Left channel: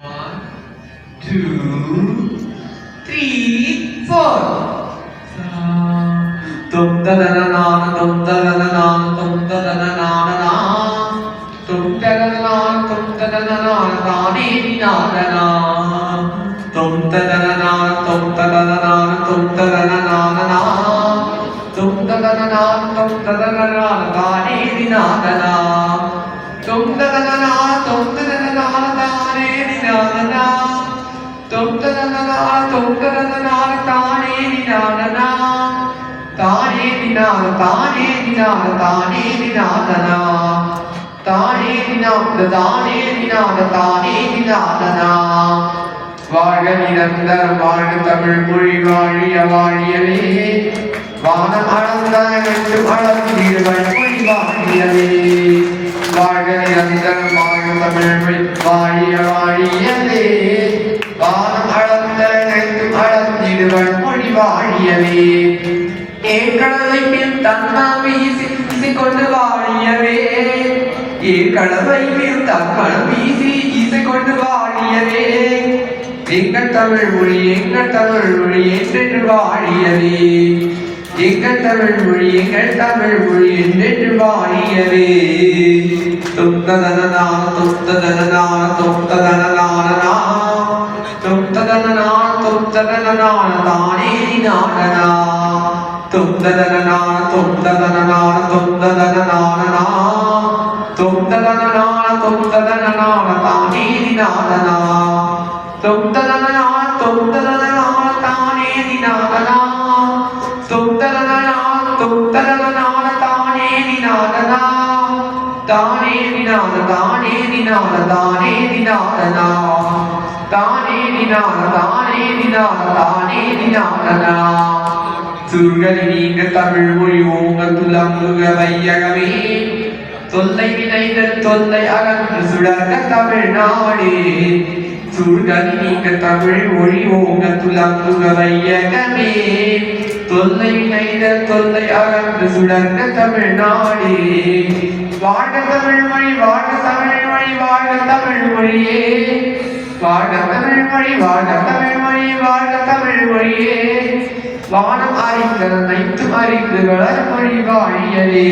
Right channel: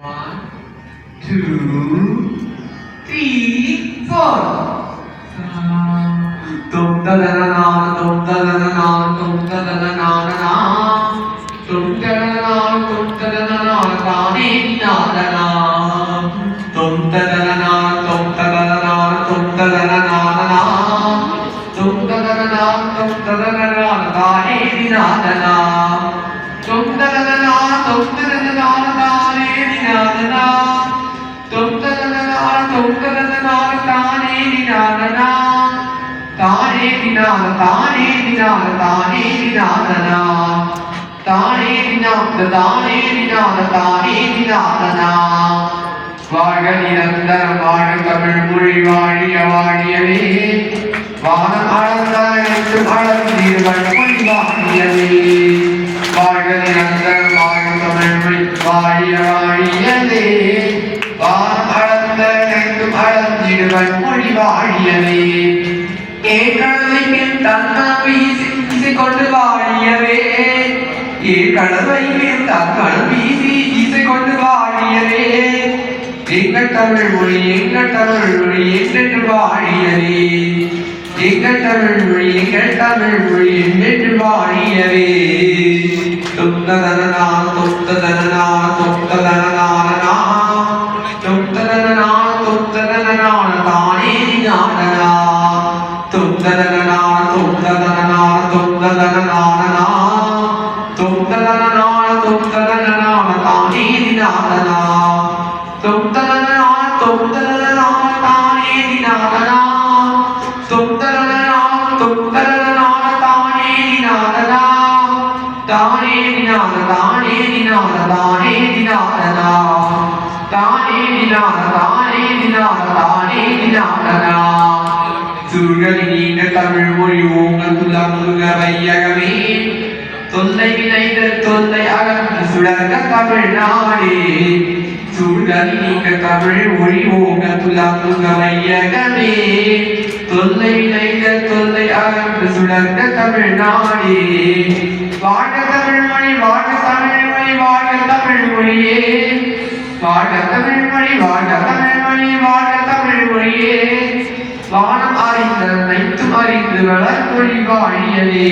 1, 2, 3, 4. Tum ta da na na, tum ta da na na, tum ta da na na na na. Tum ta da na na, tum ta da na na na ni na na na. Tum ta da na na, tum ta da na na, tum ta da na na na. Tum ta da na na, tum ta da na na na ni na na na. Tum ta da na na, tum ta da na na ni na na na. Tum ta da na na, tum ta da na na ni na na na. தானே நினாத தானே நினாத தானே நினாதனா தானே நினாத தானே நினாத தானே நினாதனா வாழ்க நிரந்தரம் வாழ்க தமிழ் மொழி வாழிய வாழியவே வானம் அளந்த என்றும் அளந்தீர்கள் மொழி வாழியவே வாழ்க நிரந்தரம் வாழ்க தமிழ் மொழி வாழிய வாழியவே வானம் அளந்த என்றும் அளந்தீர்கள் மொழி வாழியவே ஏற்கனவே மேல் தன்மனம் வீசி கொண்டு வாழியவே ஏற்கனவே மேல் தன்மனம் வீசி இசை கொண்டு வாழியவே எங்கள் தமிழ் மொழி என்றென்று வாழியவே எங்கள் தமிழ் மொழி என்றென்று வாழியவே தொந்ததனா தொந்ததனா தொந்ததனா தொந்ததனா தொந்ததனா தானே நாடனா Tum-da-da-da-na, tum-da-da-da-na, tum-da-da-da-na-na-na. Tum-da-da-da-na, tum-da-da-da-na, ta-ni-di-na-da-na. Tum-da-da-da-na, tum-da-da-da-na, ta-ni-di-na-da-na. Tum-da-da-da-na, tum-da-da-da-na, ta-ni-di-na-da-na. Ta-ni-di-na-da, ta-ni-di-na-da, ta-ni-di-na-da-na. Ta-ni-di-na-da, ta-ni-di-na-da, ta-ni-di-na-da-na. சுர்கதி நீங்க தமிழ் மொழி ஓங்கள் துலமுக வையகமே தொல்லை விளைதல் தொல்லை அகன்று சுடர்க தமிழ்நாடே சுர்கதி நீங்க தமிழ் மொழி ஓங்கள் துலமுக வையகமே தொல்லை விளைதல் தொல்லை அகன்று சுடர்க தமிழ்நாடே வாழ்க தமிழ் மொழி வாழ்க தமிழ் மொழி வாழ்க தமிழ் மொழியே வாழ்க தமிழ் மொழி வாழ்க தமிழ் மொழி வாழ்க தமிழ் மொழியே வானம் அறிந்த அனைத்து அறிந்து வளர்மொழி வாழியவே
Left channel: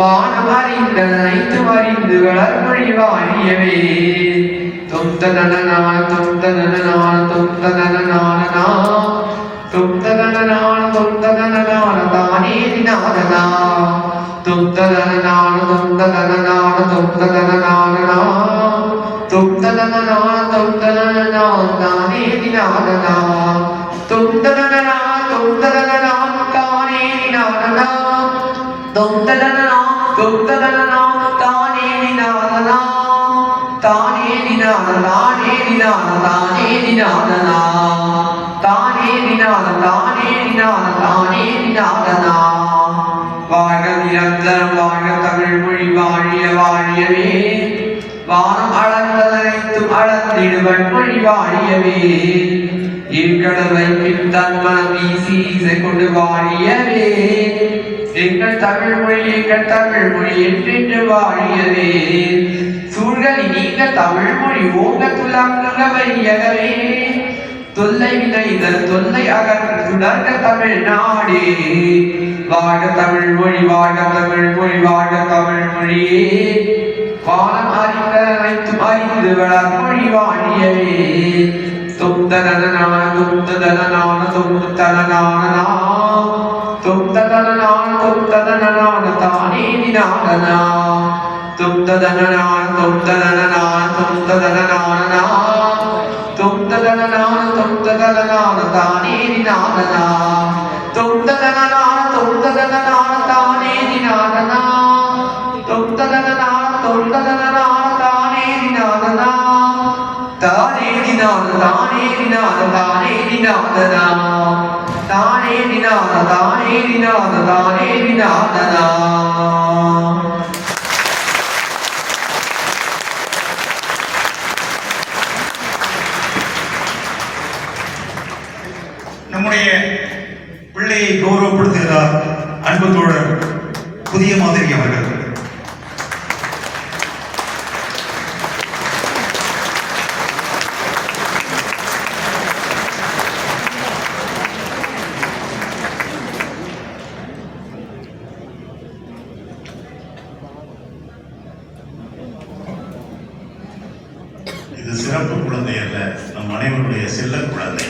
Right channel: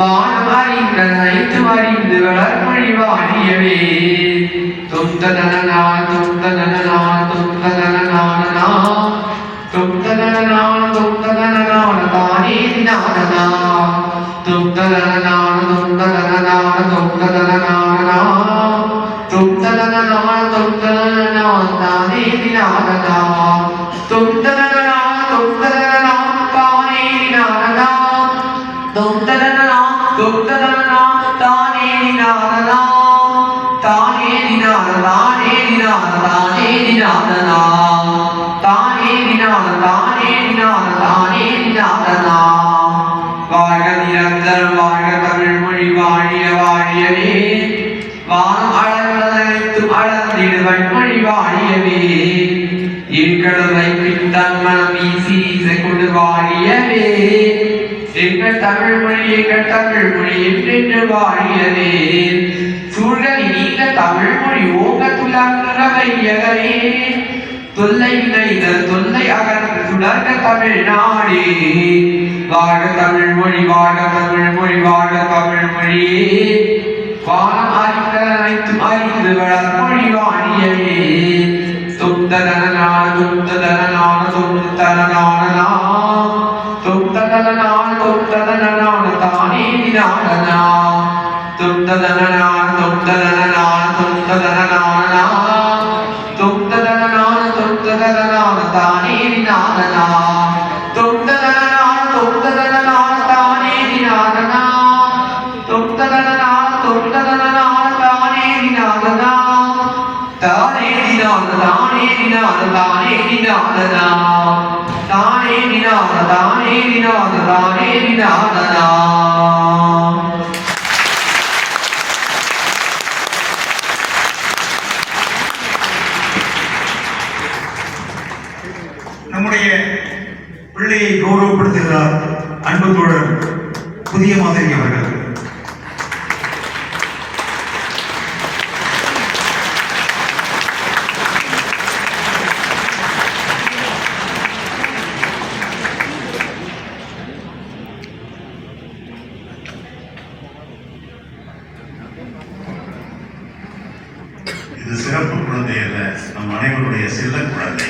வானம் அறிந்த அனைத்து அறிந்து வளர்மொழி வாழியவே தொந்ததனனா தொந்ததனனா தொந்ததனனா தொந்ததனனா தொந்ததனனா தானே நாதனா தொந்ததனனா தொந்ததனனா தொந்ததனனா தொந்ததனனா தொந்ததனனா தானே நாதனா தொந்ததனனா தொந்ததனனா தானே நாதனா தொந்ததனனா தொந்ததனனா தானே நாதனா தானே நாத தானே நாத தானே நாதனா தானே நாத தானே நாத தானே நாதனா வாழ்க நிரந்தரம் வாழ்க தமிழ் மொழி வாழிய வாழியவே வானம் அளந்தனைத்தும் அளந்திடுவன் மொழி வாழியவே எங்களவை பின்தான் மனம் வீசி இசை கொண்டு வாழியவே எங்கள் தமிழ் மொழி என்றென்று வாழியவே சூழ்கலி நீங்க தமிழ் மொழி ஓங்க துலங்குற வையகவே தொல்லை விளைதல் தொல்லை அகன்று சுடர்க தமிழ்நாடே வாழ்க தமிழ் மொழி வாழ்க தமிழ் மொழி வாழ்க தமிழ் மொழியே வானம் அறிந்த அனைத்தும் அறிந்து வளர்மொழி வாழியவே தும்ததனனான தும்ததனனான தும்ததனனான தும்ததனனான தும்ததனனான தானே நாதனா தும்ததனனான தும்ததனனான தும்ததனனான தும்ததனனான தும்ததனனான தானே நாதனா தும்ததனனான தும்ததனனான தானே நாதனா தும்ததனனான தும்ததனனான தானே நாதனா தானே நினாத தானே நினாத தானே நினாதனா தானே நினாத தானே நினாத தானே நினாதனா நம்முடைய பிள்ளையை கௌரவப்படுத்துகிறார் அன்பு தோழர் புதிய மாதிரி அவர்கள். இது சிறப்பு குழந்தை அல்ல, நம் அனைவருடைய செல்ல குழந்தை.